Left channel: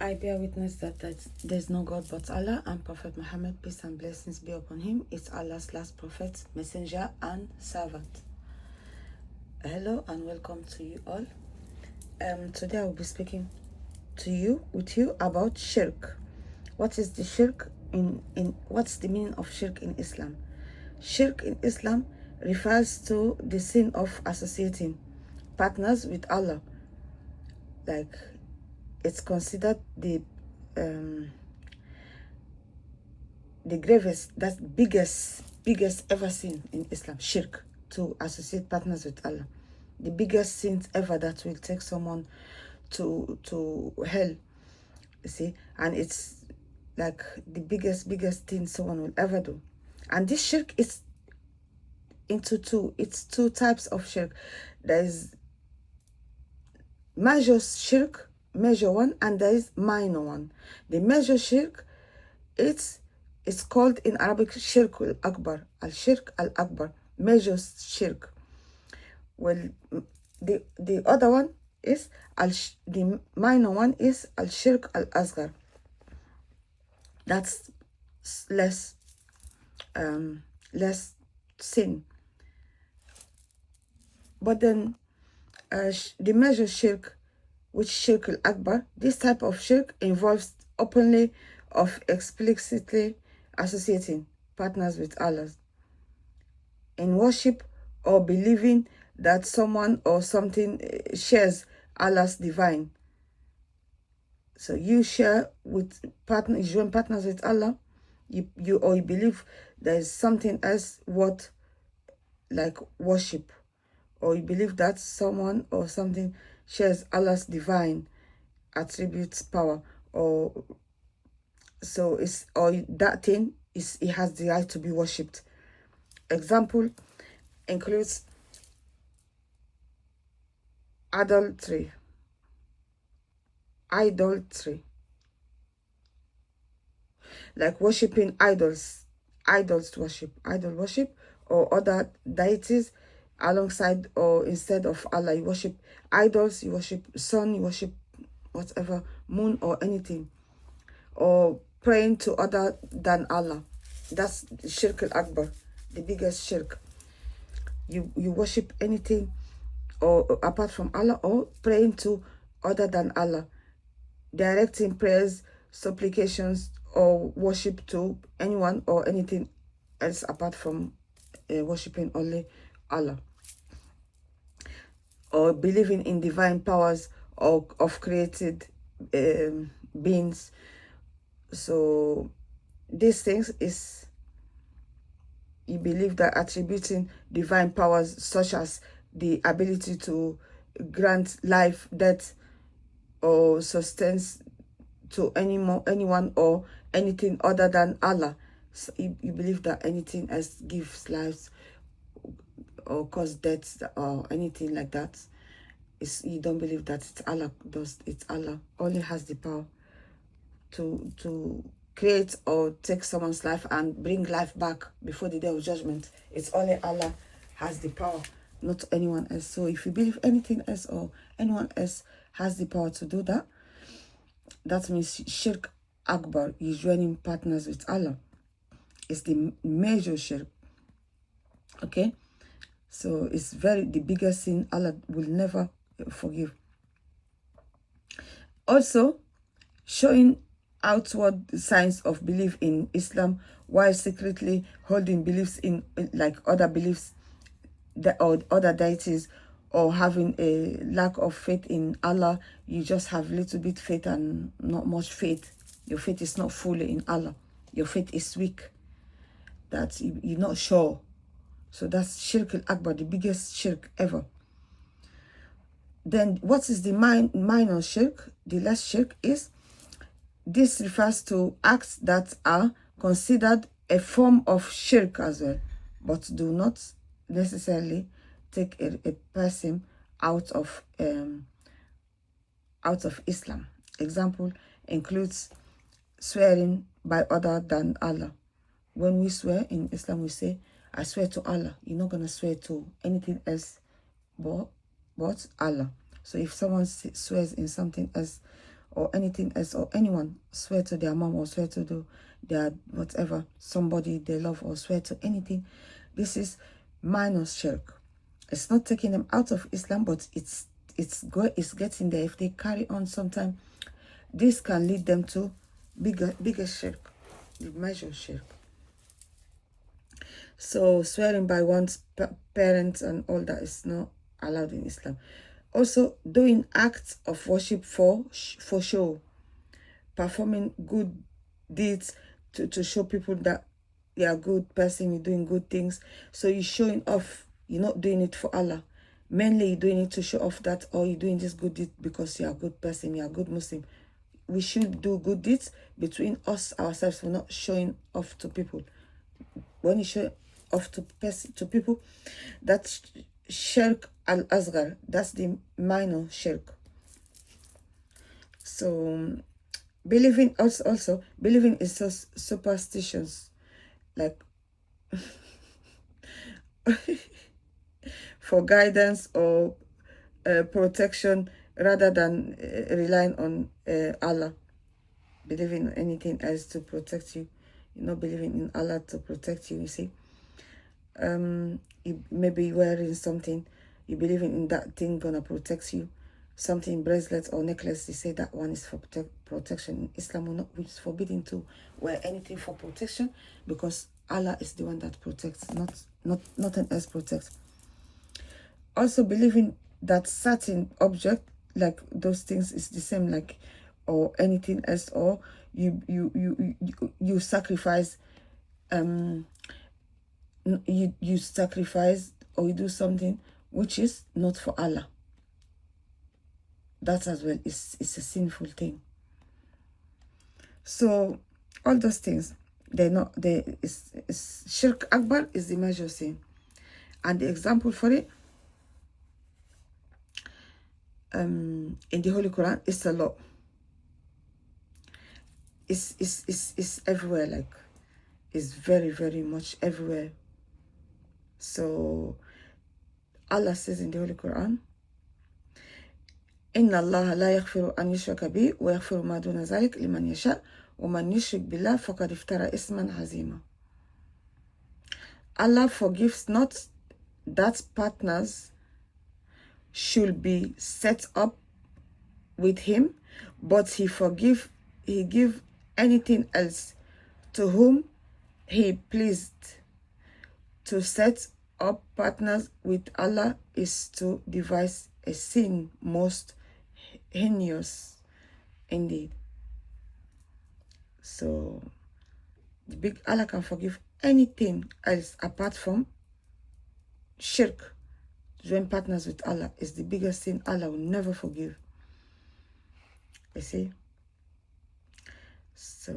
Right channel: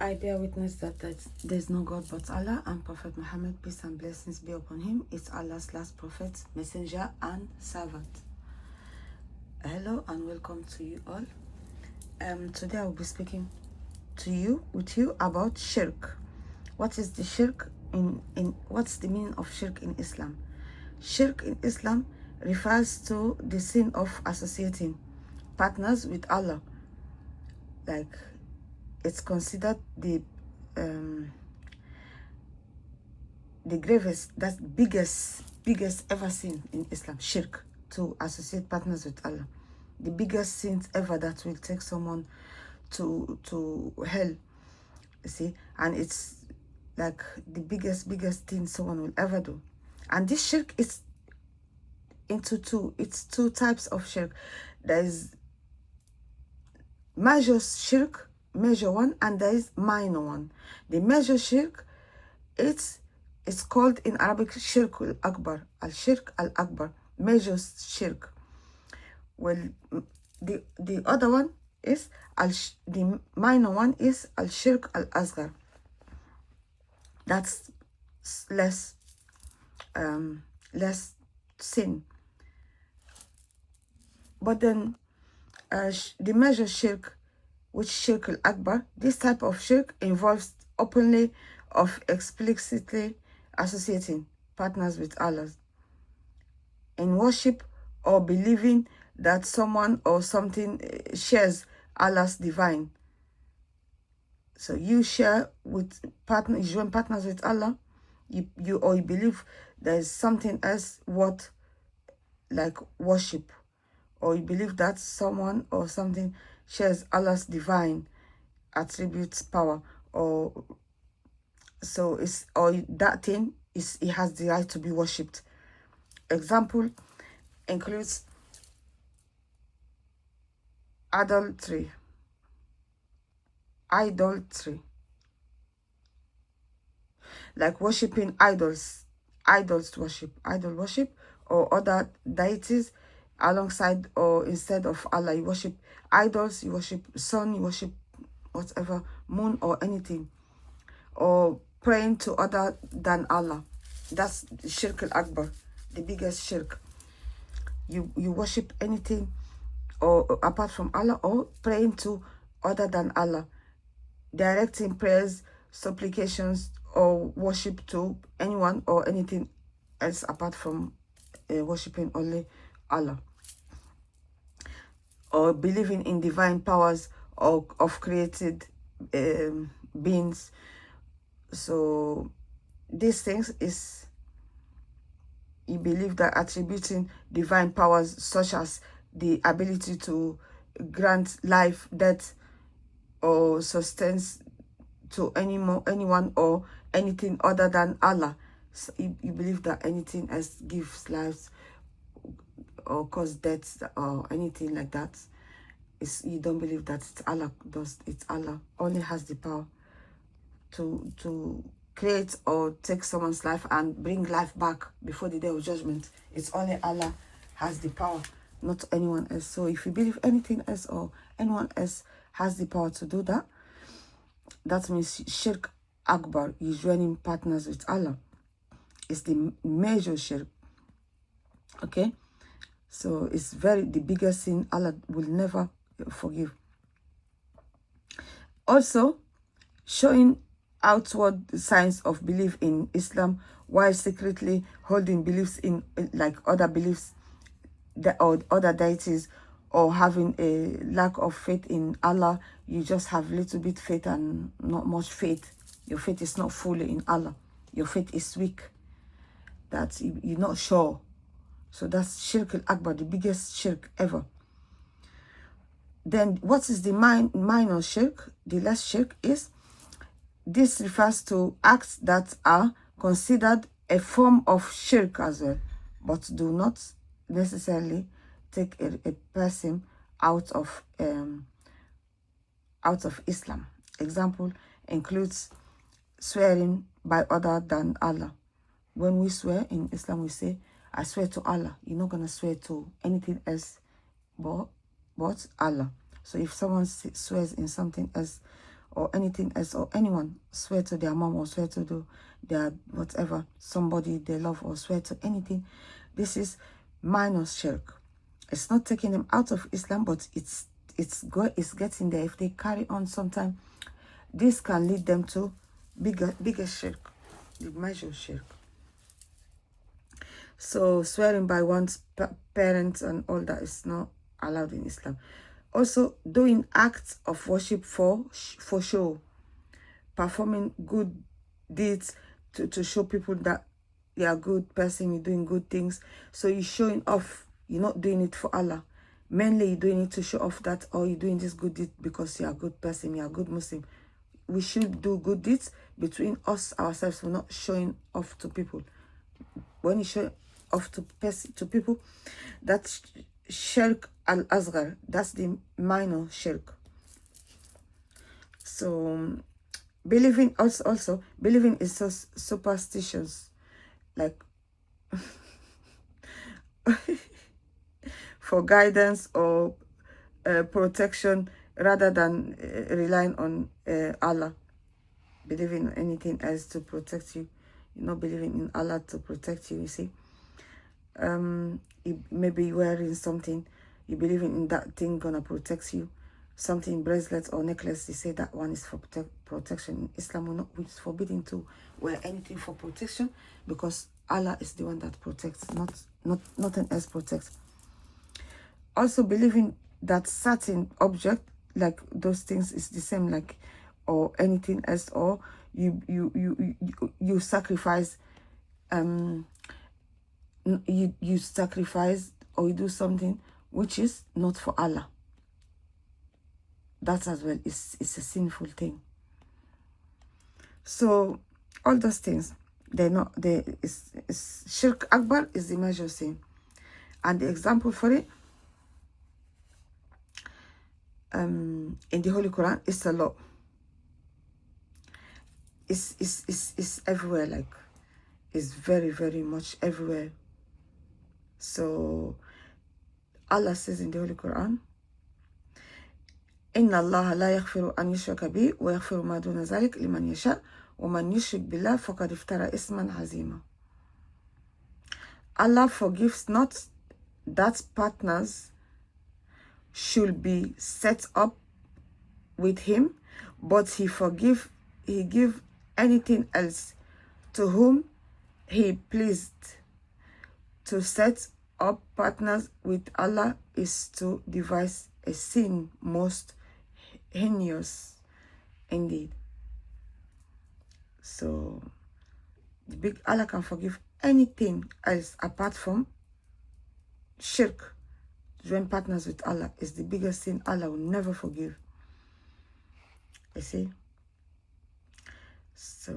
I bear witness that there's no God but Allah, and Prophet Muhammad, peace and blessings be upon him, is Allah's last prophet, messenger, and servant. Hello and welcome to you all. Today I will be speaking with you about shirk. What is the shirk what's the meaning of shirk in Islam? Shirk in Islam refers to the sin of associating partners with Allah. Like, it's considered the gravest, that's biggest ever sin in Islam. Shirk, to associate partners with Allah, the biggest sins ever that will take someone to hell, you see. And it's like the biggest thing someone will ever do. And this shirk is into two types of shirk. There is major shirk, major one, and there is minor one. The major shirk, it's called in Arabic shirk al-akbar, al-shirk al-akbar, major shirk. Well, the other one is the minor one is al-shirk al-asghar. That's less sin. But then the major shirk, which shirk al-akbar, this type of shirk involves openly of explicitly associating partners with Allah in worship, or believing that someone or something shares Allah's divine. So you share with you join partners with Allah, you believe there is something else what like worship, or you believe that someone or something shares Allah's divine attributes, power, or so it's, or that thing is, it has the right to be worshipped. Example includes idolatry, like worshipping idols, idol worship, or other deities alongside or instead of Allah. You worship idols, you worship sun, you worship whatever, moon or anything, or praying to other than Allah. That's shirk al-akbar, the biggest shirk. You worship anything or apart from Allah, or praying to other than Allah, directing prayers, supplications, or worship to anyone or anything else apart from worshiping only Allah, or believing in divine powers of created beings. So these things is, you believe that attributing divine powers such as the ability to grant life, death, or sustenance to anyone or anything other than Allah. So you believe that anything else gives life or cause death or anything like that. You don't believe that it's Allah does. It's Allah only has the power to create or take someone's life and bring life back before the day of judgment. It's only Allah has the power, not anyone else. So if you believe anything else or anyone else has the power to do that, that means shirk akbar. You're joining partners with Allah. It's the major shirk. Okay, so it's the biggest sin Allah will never forgive. Also, showing outward signs of belief in Islam while secretly holding beliefs in like other beliefs or other deities, or having a lack of faith in Allah. You just have little bit faith and not much faith. Your faith is not fully in Allah. Your faith is weak. That you're not sure. So that's shirk al-akbar, the biggest shirk ever. Then what is the minor shirk? The less shirk is, this refers to acts that are considered a form of shirk as well, but do not necessarily take a person out of Islam. Example includes swearing by other than Allah. When we swear in Islam, we say, I swear to Allah. You're not going to swear to anything else but Allah. So if someone swears in something else or anything else, or anyone swear to their mom or swear to their whatever, somebody they love, or swear to anything, this is minor shirk. It's not taking them out of Islam, but it's getting there. If they carry on sometime, this can lead them to bigger shirk, the major shirk. So swearing by one's parents and all that is not allowed in Islam. Also, doing acts of worship for show, performing good deeds to show people that you're a good person, you're doing good things. So you're showing off. You're not doing it for Allah. Mainly you're doing it to show off that, oh, you're doing this good deed because you're a good person, you're a good Muslim. We should do good deeds between us, ourselves. We're not showing off to people. When you show off to people, that's shirk al-asghar. That's the minor shirk. So believing also believing in superstitions, like for guidance or protection, rather than relying on Allah. Believing in anything else to protect you. You're not believing in Allah to protect you, you see. You may be wearing something, you believing in that thing gonna protect you. Something, bracelet or necklace, they say that one is for protection. In Islam, it's forbidden to wear anything for protection, because Allah is the one that protects, nothing else protects. Also believing that certain object, like those things, is the same, like, or anything else, or you sacrifice, you sacrifice or you do something which is not for Allah. That as well is a sinful thing. So all those things, shirk akbar is the major sin, and the example for it in the Holy Quran is a lot. It's everywhere, like it's very, very much everywhere. So Allah says in the Holy Quran, Inna Allah la yaghfiru an yushraka bi wa yaghfiru ma duna zalik liman yasha wa man yushrik billah faqad iftara isman azima. Allah forgives not that partners should be set up with him, but he give anything else to whom he pleased. To set up partners with Allah is to devise a sin most heinous indeed. So the big Allah can forgive anything else apart from shirk. Join partners with Allah is the biggest sin Allah will never forgive. You see? So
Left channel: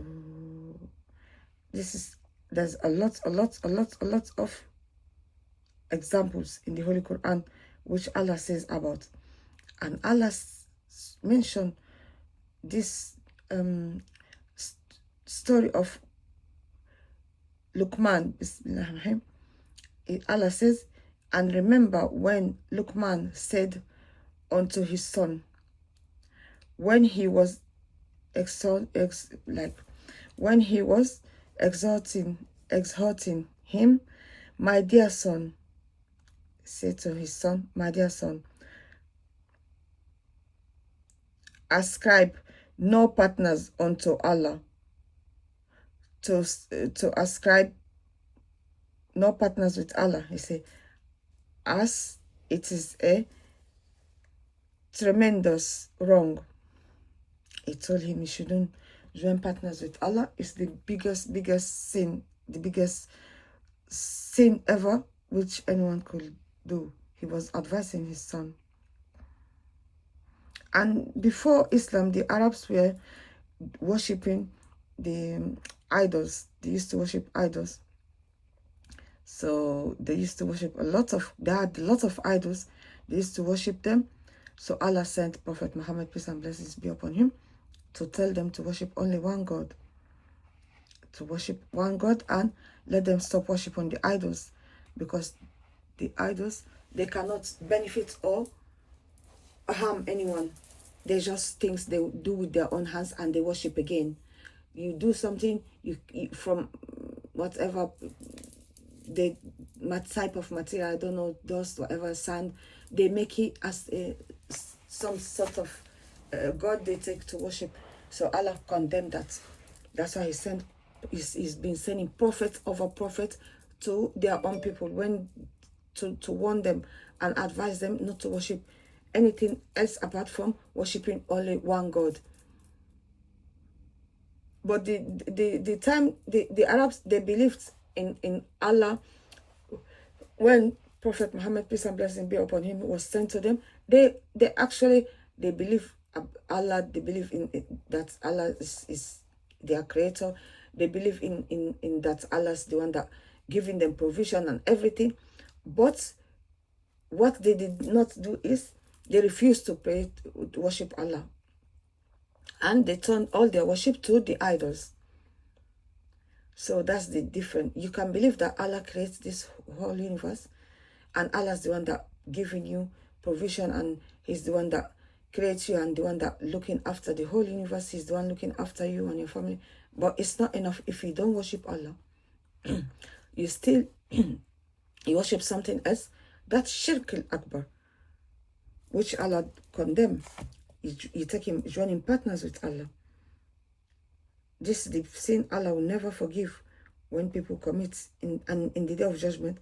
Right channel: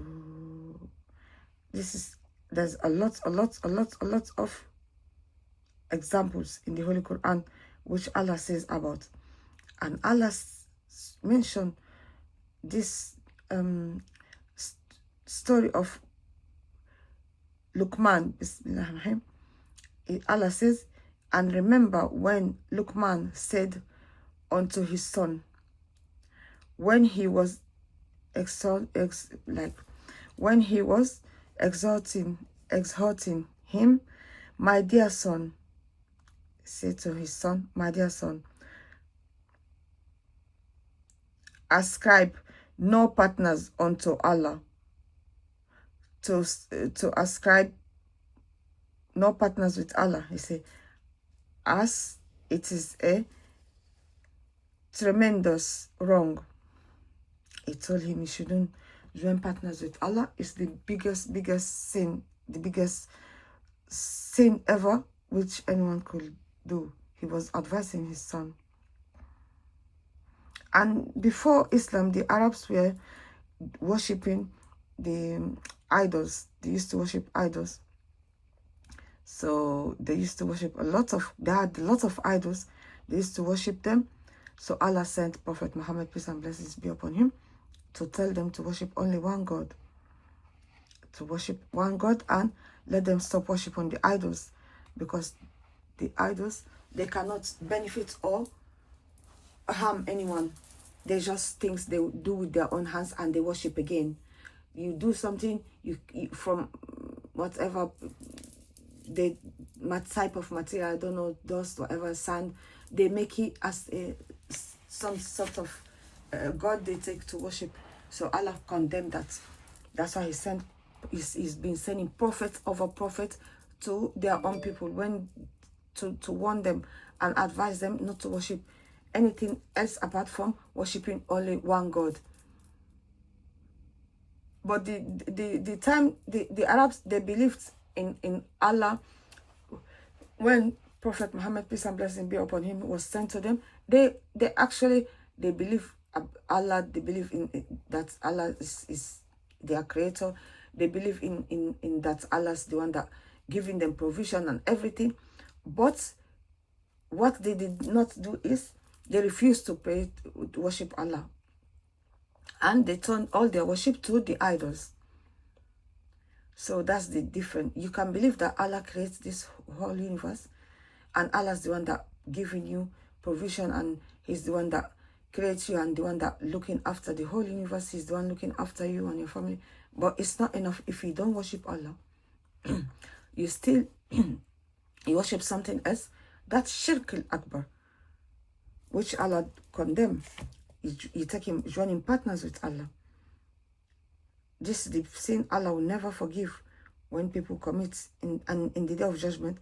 there's a lot of examples in the Holy Quran which Allah says about, and Allah mentioned this story of Luqman. Bismillahirrahmanirrahim. Allah says, and remember when Luqman said unto his son, when he was exhorting him, my dear son, said to his son, my dear son, ascribe no partners unto Allah. To ascribe no partners with Allah, he said, as it is a tremendous wrong. He told him he shouldn't join partners with Allah. It's the biggest sin, the biggest sin ever which anyone could do. He was advising his son. And before Islam, the Arabs were worshipping the idols. They used to worship idols. So they used to worship they had a lot of idols. They used to worship them. So Allah sent Prophet Muhammad, peace and blessings be upon him, to tell them to worship only one God. To worship one God and let them stop worshiping the idols. Because the idols, they cannot benefit or harm anyone. they're just things they do with their own hands and they worship again. You do something, you from whatever the type of material, I don't know, dust, whatever, sand, they make it as some sort of God they take to worship. So Allah condemned that. That's why he's been sending prophet over prophet to their own people when to warn them and advise them not to worship anything else apart from worshiping only one God. But the time the Arabs, they believed in Allah. When Prophet Muhammad, peace and blessing be upon him, was sent to them, they believe Allah. They believe in that Allah is their creator. They believe in that Allah's the one that giving them provision and everything. But what they did not do is they refused to pray, to worship Allah. And they turned all their worship to the idols. So that's the difference. You can believe that Allah creates this whole universe, and Allah's the one that giving you provision, and he's the one that creates you and the one that looking after the whole universe. He's the one looking after you and your family. But it's not enough if you don't worship Allah. You still you worship something else. That's shirk al-akbar, which Allah condemned. You take him joining partners with Allah. This is the sin Allah will never forgive when people commit, and in the day of judgment,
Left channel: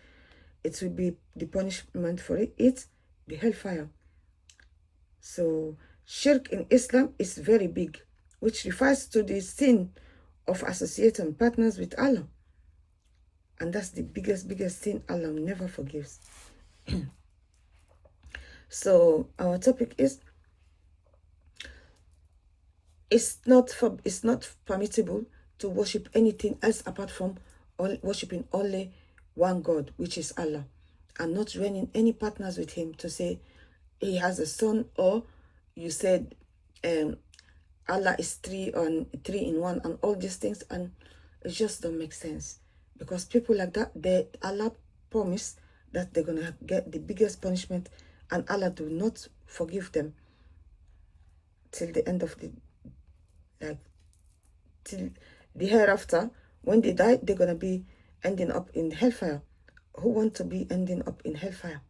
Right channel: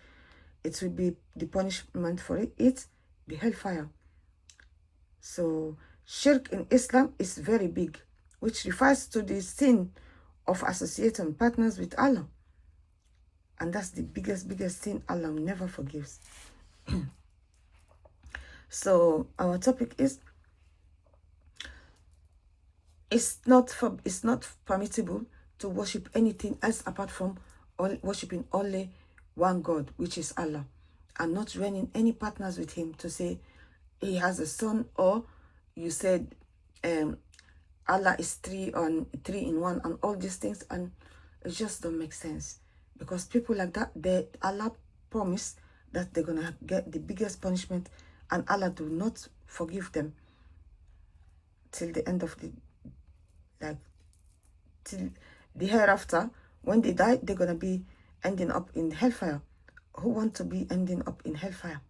it will be the punishment for it, the hellfire. So shirk in Islam is very big, which refers to the sin of associating partners with Allah. And that's the biggest sin Allah never forgives. So our topic is, it's not permissible to worship anything else apart from worshiping only one God, which is Allah, and not joining any partners with him to say he has a son, or you said Allah is three in one, and all these things, and it just don't make sense. Because people like that, Allah promised that they're gonna get the biggest punishment, and Allah do not forgive them till the end of till the hereafter. When they die, they're gonna be ending up in hellfire. Who want to be ending up in hellfire?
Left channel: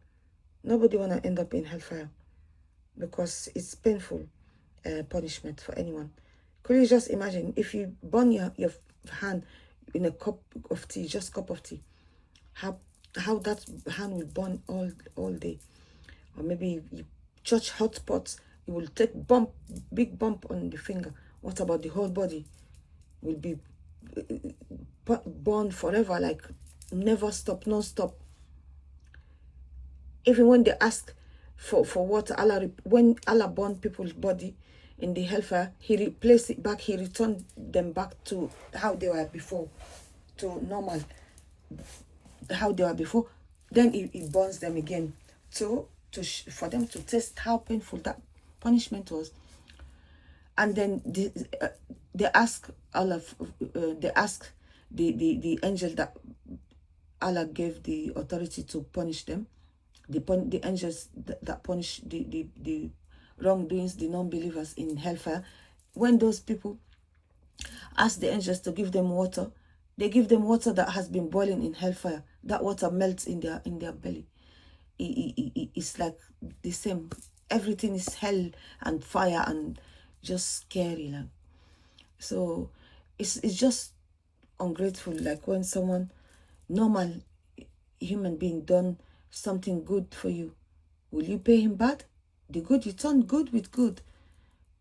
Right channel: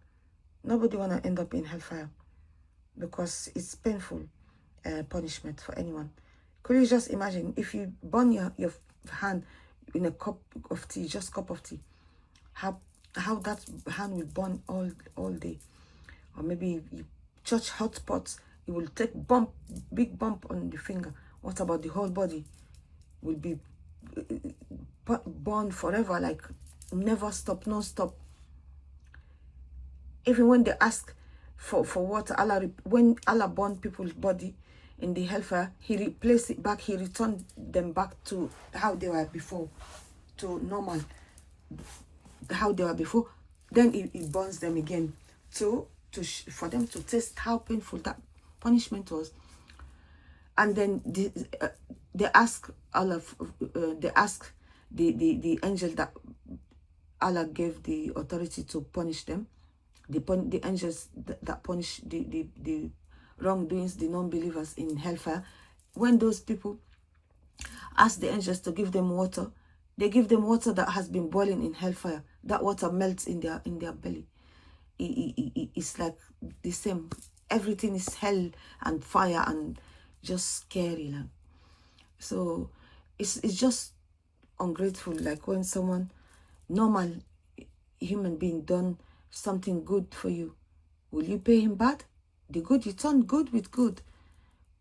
Nobody wanna end up in hellfire, because it's painful punishment for anyone. Could you just imagine if you burn your hand in a cup of tea, just cup of tea, how that hand will burn all day? Or maybe you touch hot pots, it will take big bump on the finger. What about the whole body? Will be burned forever, like never stop, non-stop. Even when they ask for what when Allah burned people's body in the hellfire, he replaced it back, he returned them back to how they were before, to normal, how they were before. Then it burns them again for them to test how painful that punishment was. And then they ask Allah, they ask the angel that Allah gave the authority to punish them, the angels that punish the wrongdoings, the non-believers in hellfire. When those people ask the angels to give them water, they give them water that has been boiling in hellfire. That water melts in their belly. It's like the same. Everything is hell and fire and just scary, like. So it's just ungrateful. Like when someone, normal human being, done something good for you, will you pay him bad? The good, you turn good with good.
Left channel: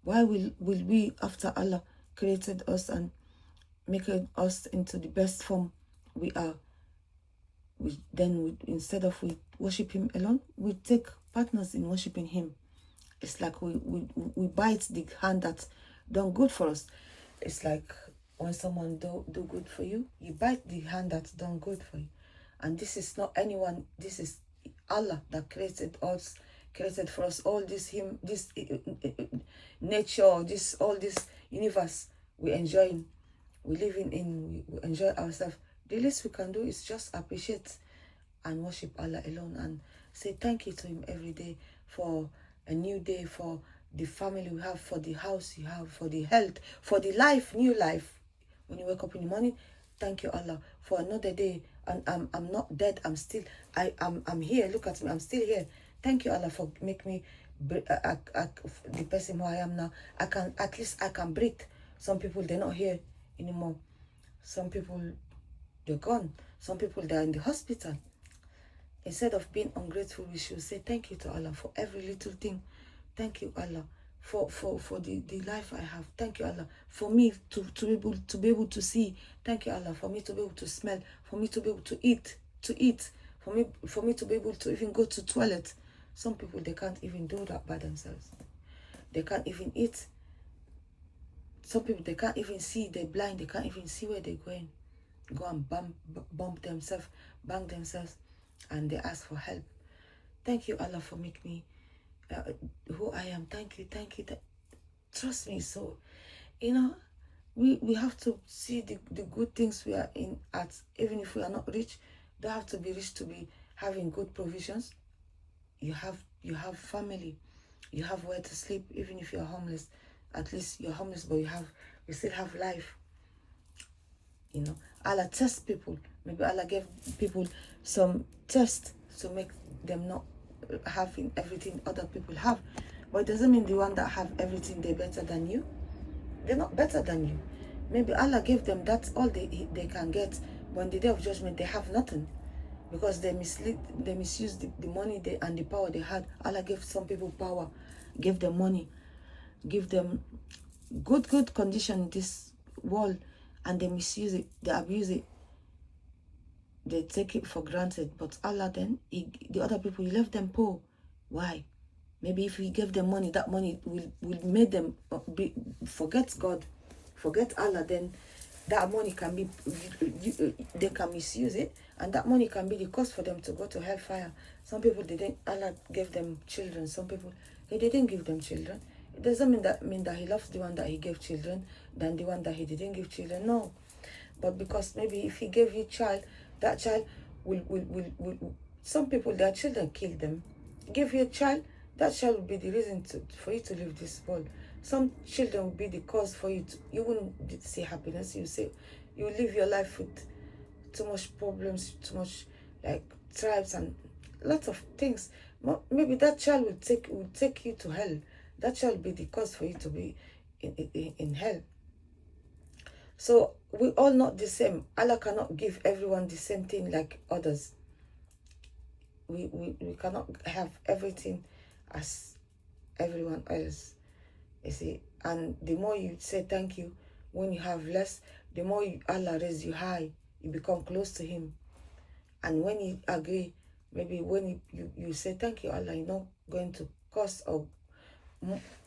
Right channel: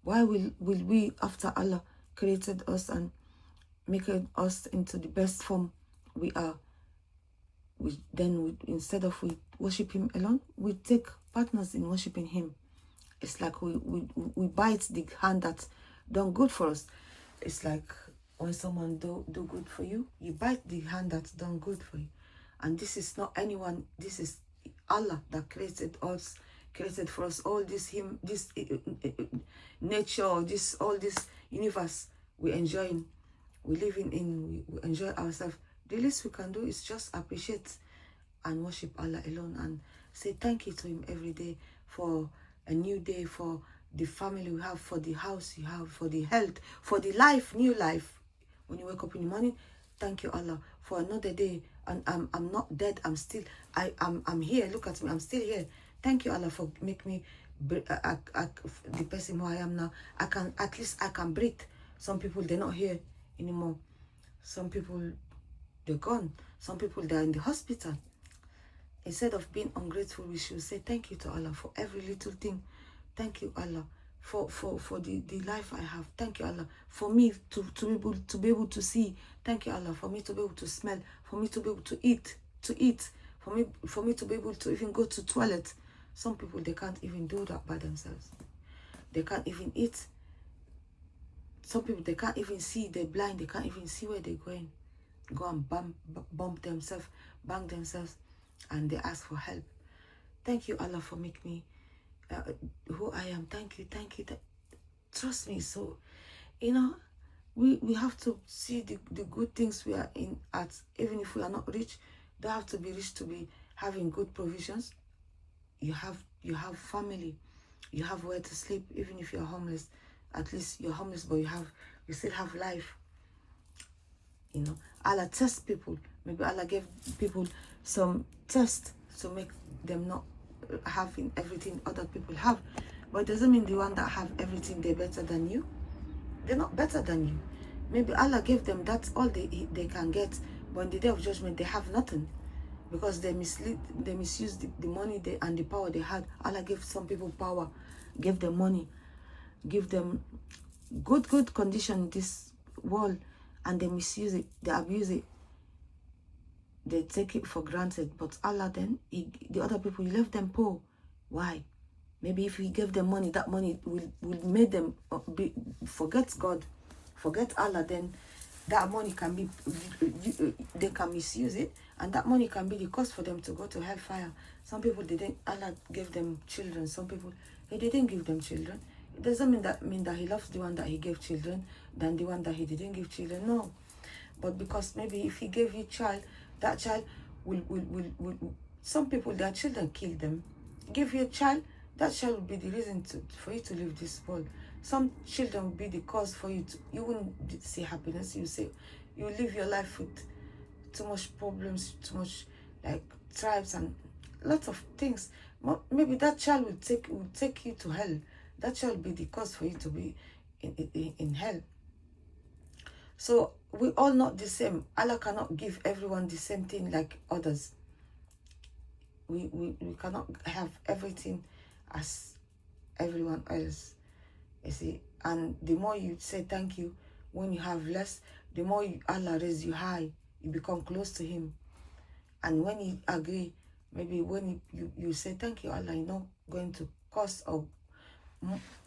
Why will we, after Allah created us and making us into the best form we are, instead of we worship him alone, we take partners in worshiping him? It's like we bite the hand that's done good for us. It's like when someone do good for you, you bite the hand that's done good for you. And this is not anyone, this is Allah that created us, created for us all this nature, all this universe we enjoying, we living in, we enjoy ourselves. The least we can do is just appreciate and worship Allah alone, and say thank you to him every day for a new day, for the family we have, for the house you have, for the health, for the life, new life. When you wake up in the morning, thank you, Allah, for another day. And I'm not dead. I'm still, I'm here. Look at me. I'm still here. Thank you, Allah, for make me the person who I am now. At least I can breathe. Some people, they're not here anymore. Some people, they're gone. Some people, they're in the hospital. Instead of being ungrateful, we should say thank you to Allah for every little thing. Thank you, Allah, for the life I have. Thank you, Allah, for me to be able to see. Thank you, Allah, for me to be able to smell, for me to be able to eat, for me to be able to even go to toilet. Some people, they can't even do that by themselves. They can't even eat. Some people, they can't even see. They're blind. They can't even see where they're going. Go and bump themselves, bang themselves, and they ask for help. Thank you, Allah, for making me who I am. Thank you. Trust me. So, you know, we have to see the good things we are in at. Even if we are not rich, don't have to be rich to be having good provisions. You have family, you have where to sleep. Even if you're homeless, at least you're homeless, but you still have life. You know, Allah tests people. Maybe Allah gave people some tests to make them not having everything other people have. But it doesn't mean the one that have everything, they're better than you. They're not better than you. Maybe Allah gave them that's all they can get. But on the day of judgment, they have nothing. Because they misused the money and the power they had. Allah gave some people power, gave them money, give them good condition in this world, and they misuse it, they abuse it, they take it for granted. But Allah then, the other people, He left them poor. Why? Maybe if He gave them money, that money will make them forget God, forget Allah. Then that money can be, they can misuse it, and that money can be the cause for them to go to hellfire. Some people, Allah gave them children. Some people, He didn't give them children. It doesn't mean that He loves the one that He gave children than the one that He didn't give children. No. But because maybe if He gave you a child, that child will some people, their children kill them. Give you a child, that child will be the reason for you to leave this world. Some children will be the cause for you you wouldn't see happiness. You live your life with too much problems, too much like tribes and lots of things. Maybe that child will take you to hell. That child will be the cause for you to be in hell. So we all not the same. Allah cannot give everyone the same thing like others. We cannot have everything as everyone else. You see, and the more you say thank you when you have less, the more Allah raise you high. You become close to Him. And when you agree, maybe when you say thank you, Allah, you're not going to curse or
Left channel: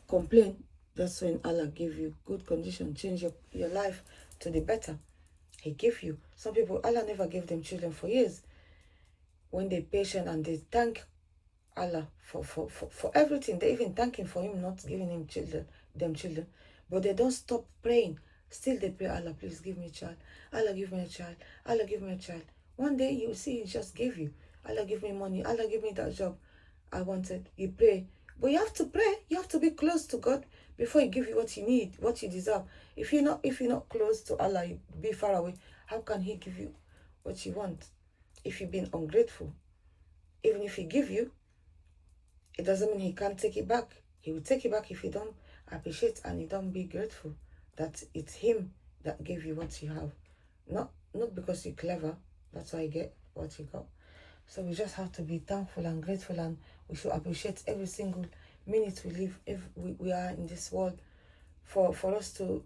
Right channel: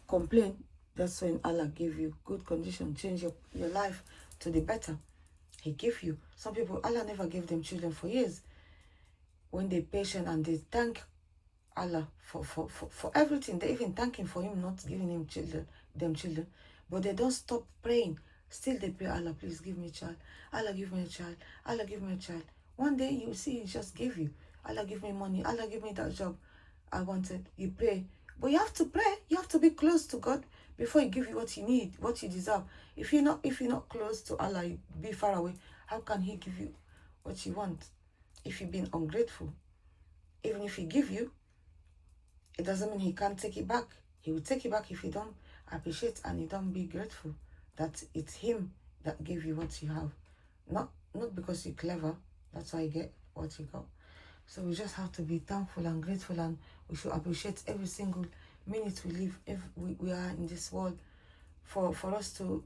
complain. That's when Allah give you good condition, change your life to the better. He give you. Some people, Allah never gave them children for years. When they're patient and they thank Allah for everything, they even thank Him for Him not giving them children. But they don't stop praying. Still they pray, Allah, please give me a child. Allah, give me a child. Allah, give me a child. One day you see He just gave you. Allah, give me money. Allah, give me that job I wanted. You pray. But you have to pray. You have to be close to God before He give you what you need, what you deserve. If you're not close to Allah, you be far away. How can He give you what you want? If you've been ungrateful, even if He give you, it doesn't mean He can't take it back. He will take it back if you don't appreciate and you don't be grateful that it's Him that gave you what you have. Not because you're clever. That's why you get what you got. So we just have to be thankful and grateful, and we should appreciate every single minute we live, if we are in this world, for us to,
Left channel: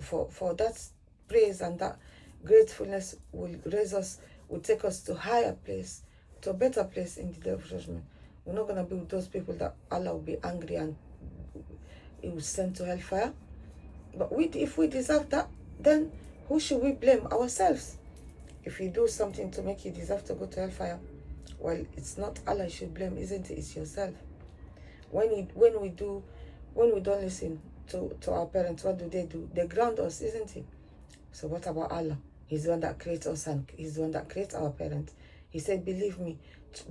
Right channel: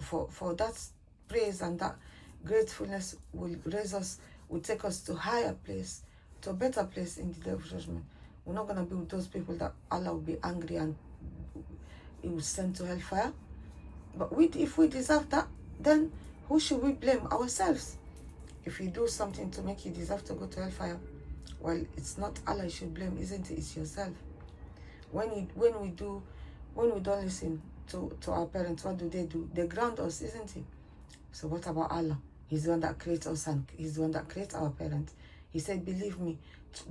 for that praise and that gratefulness will raise us, will take us to a higher place, to a better place in the day of judgment. We're not going to be with those people that Allah will be angry and He will send to hellfire. But if we deserve that, then who should we blame? Ourselves. If you do something to make you deserve to go to hellfire, well, it's not Allah you should blame, isn't it? It's yourself. When we don't listen to our parents, what do? They ground us, isn't it? So what about Allah? He's the one that creates us, and He's the one that creates our parents. He said, believe me,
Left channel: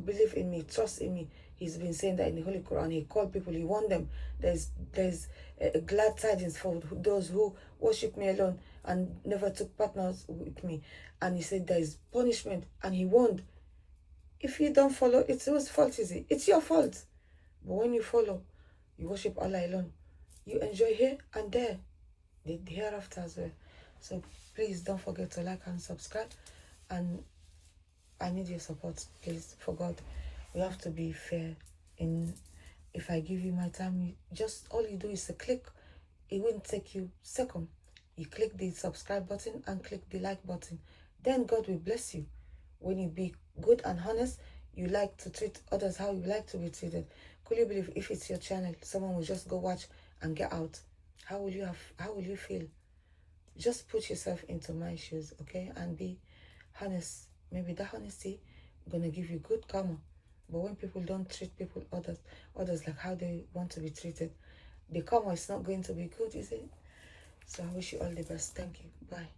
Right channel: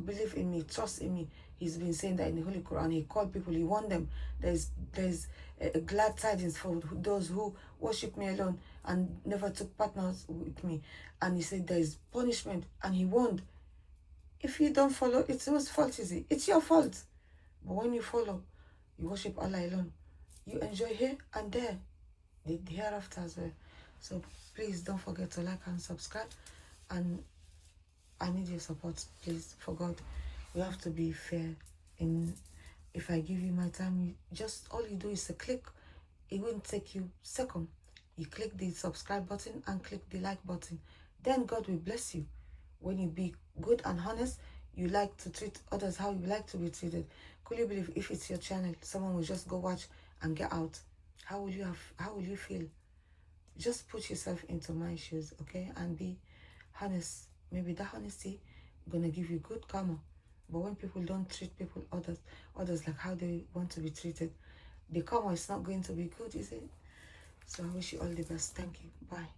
believe in me, trust in me. He's been saying that in the Holy Quran. He called people, he warned them. There's a glad tidings for those who worship me alone and never took partners with me. And he said there is punishment, and he warned. If you don't follow, it's whose fault is it? It's your fault. But when you follow, you worship Allah alone, you enjoy here and there, the hereafter as well. So please don't forget to like and subscribe, and I need your support, please, for God. We have to be fair. If I give you my time, all you do is to click. It won't take you a second. You click the subscribe button and click the like button. Then God will bless you. When you be good and honest, you like to treat others how you like to be treated. Could you believe if it's your channel, someone will just go watch and get out? How will you feel? Just put yourself into my shoes, okay? And be honest. Maybe that honesty gonna give you good karma. But when people don't treat others like how they want to be treated, the karma is not going to be good, is it? So I wish you all the best. Thank you. Bye.